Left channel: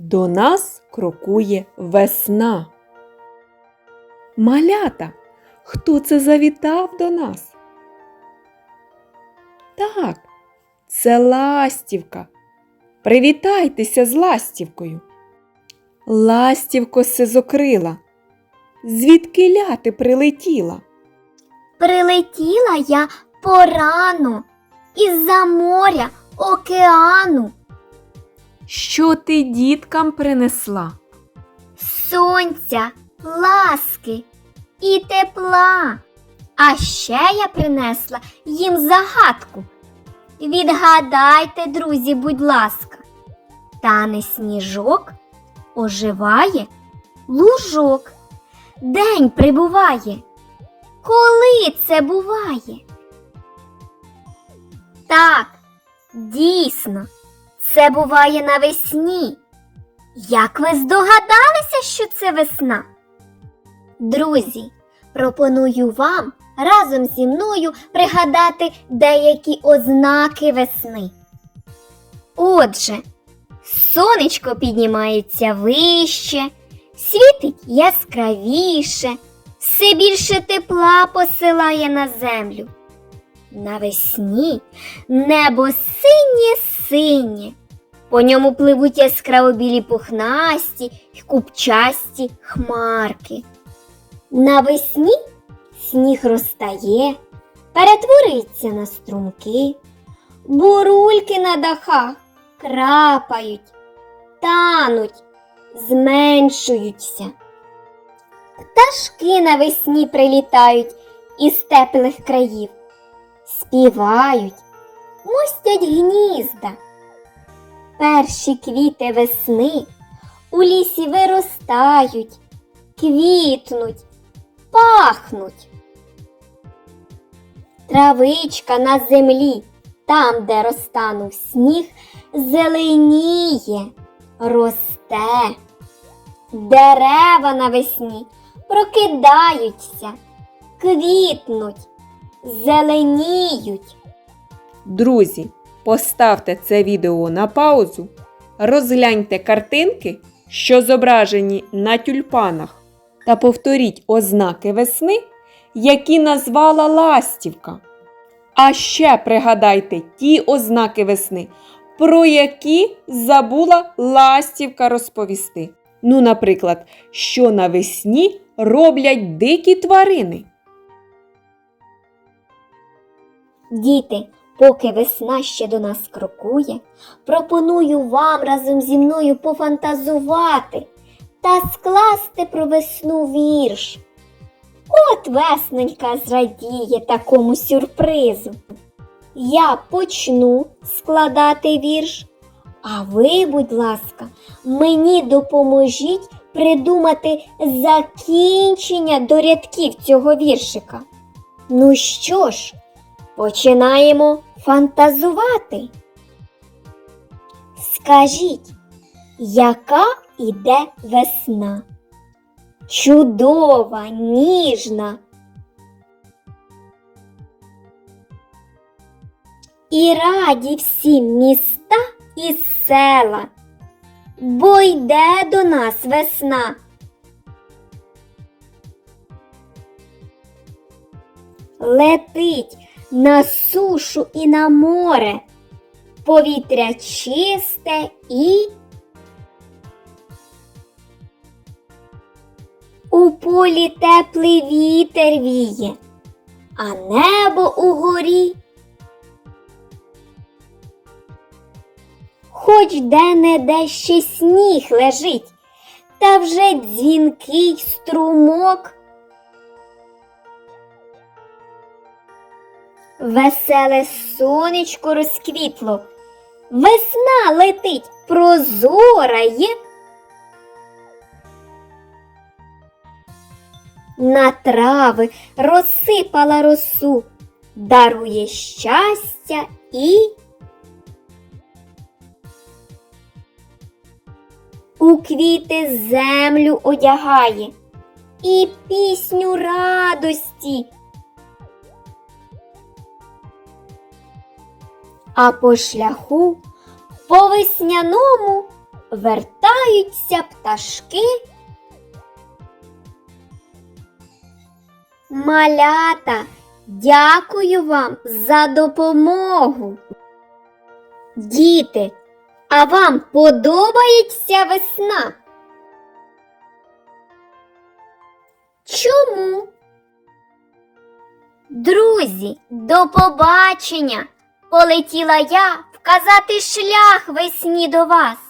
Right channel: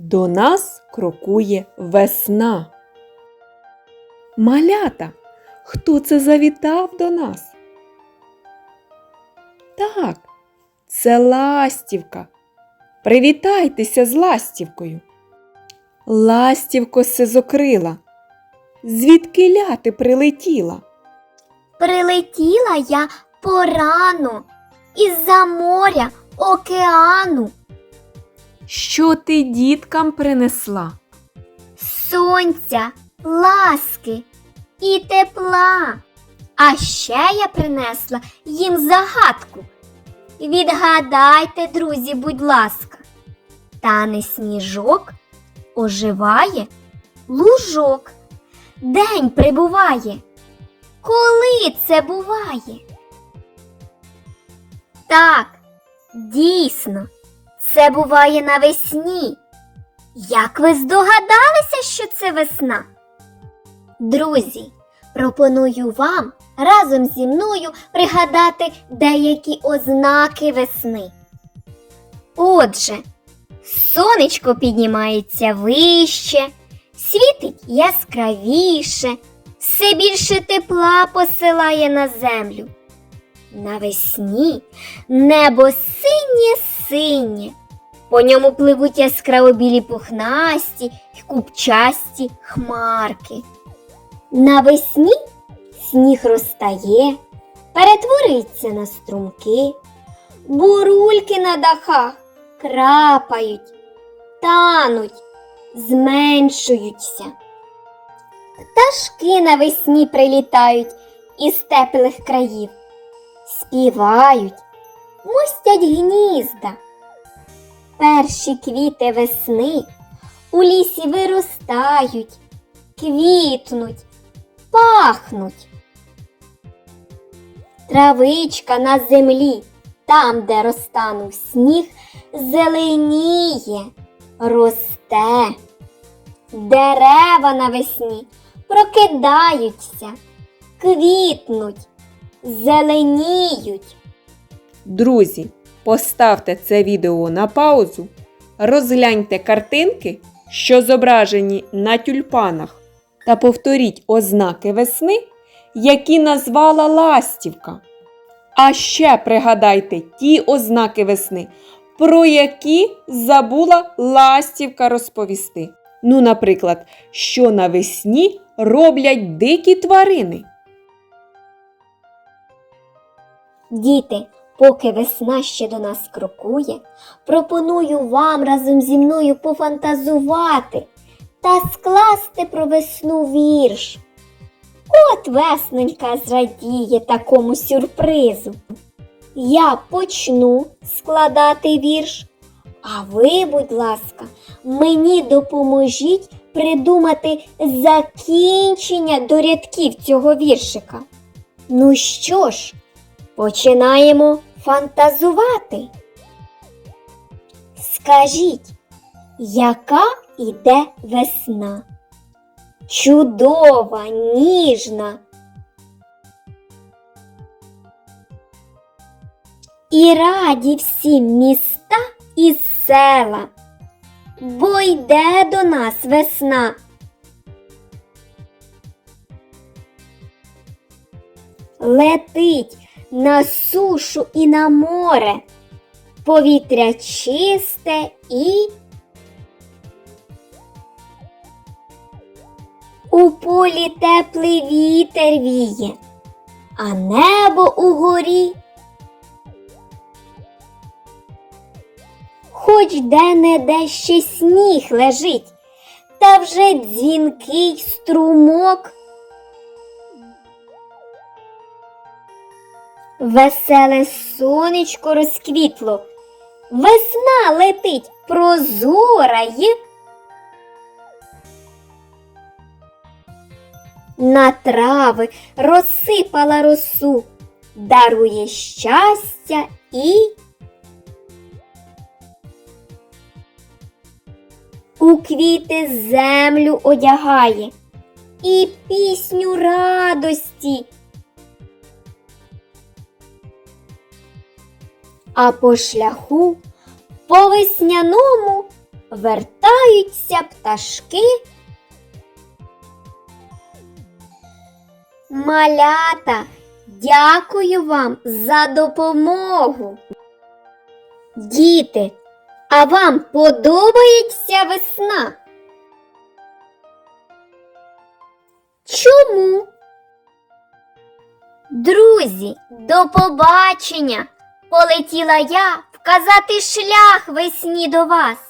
До нас крокує весна. Малята, хто це завітав до нас? Так, це ластівка. Привітайтеся з ластівкою. Ластівко сизокрила. Звідки ляти прилетіла? Прилетіла я порано із-за моря, океану, Що ти діткам принесла? сонця, ласки і тепла. А ще я принесла їм загадку. Відгадайте, друзі, будь ласка, тане сніжок, оживає лужок, день прибуває. Коли це буває? Так, дійсно, це буває навесні. Як ви здогадалися, що це весна? Друзі, пропоную вам разом зі мною пригадати деякі ознаки весни. Отже, сонечко піднімається вище, світить яскравіше, все більше тепла посилає на землю. Навесні небо синє-синє, по ньому пливуть яскраво білі пухнасті й купчасті хмарки. Навесні сніг розтає, перетвориться на струмки, бурульки на дахах крапають, тануть, зменшуються. Пташки навесні прилітають із теплих країв, співають, мостять гнізда. Перші квіти весни у лісі виростають, квітнуть, пахнуть. Травичка на землі, там, де розтанув сніг, зеленіє, росте. Дерева навесні прокидаються, квітнуть, зеленіють. Друзі, поставте це відео на паузу, розгляньте картинки, що зображені на тюльпанах, та повторіть ознаки весни, які назвала ластівка. А ще пригадайте ті ознаки весни, про які забула ластівка розповісти. Ну, наприклад, що навесні роблять дикі тварини. Діти, поки весна ще до нас крокує, пропоную вам разом зі мною пофантазувати та скласти про весну вірш. От весненька зрадіє такому сюрпризу. Я почну складати вірш, а ви, будь ласка, мені допоможіть придумати закінчення до рядків цього віршика. Ну що ж, Починаємо фантазувати. Скажіть, яка іде весна? Чудова, ніжна. І раді всі міста і села, бо йде до нас весна. Летить на сушу і на море, повітря чисте і у полі теплий вітер віє, а небо угорі. Хоч де-не-де ще сніг лежить, та вже дзвінкий струмок. Веселе сонечко розквітло, весна летить прозора є. На трави розсипала росу, дарує щастя і у квіти землю одягає і пісню радості. А по шляху по весняному вертаються пташки. Малята, дякую вам за допомогу. Діти, а вам подобається весна? Чому? Друзі, до побачення! Полетіла я вказати шлях весні до вас.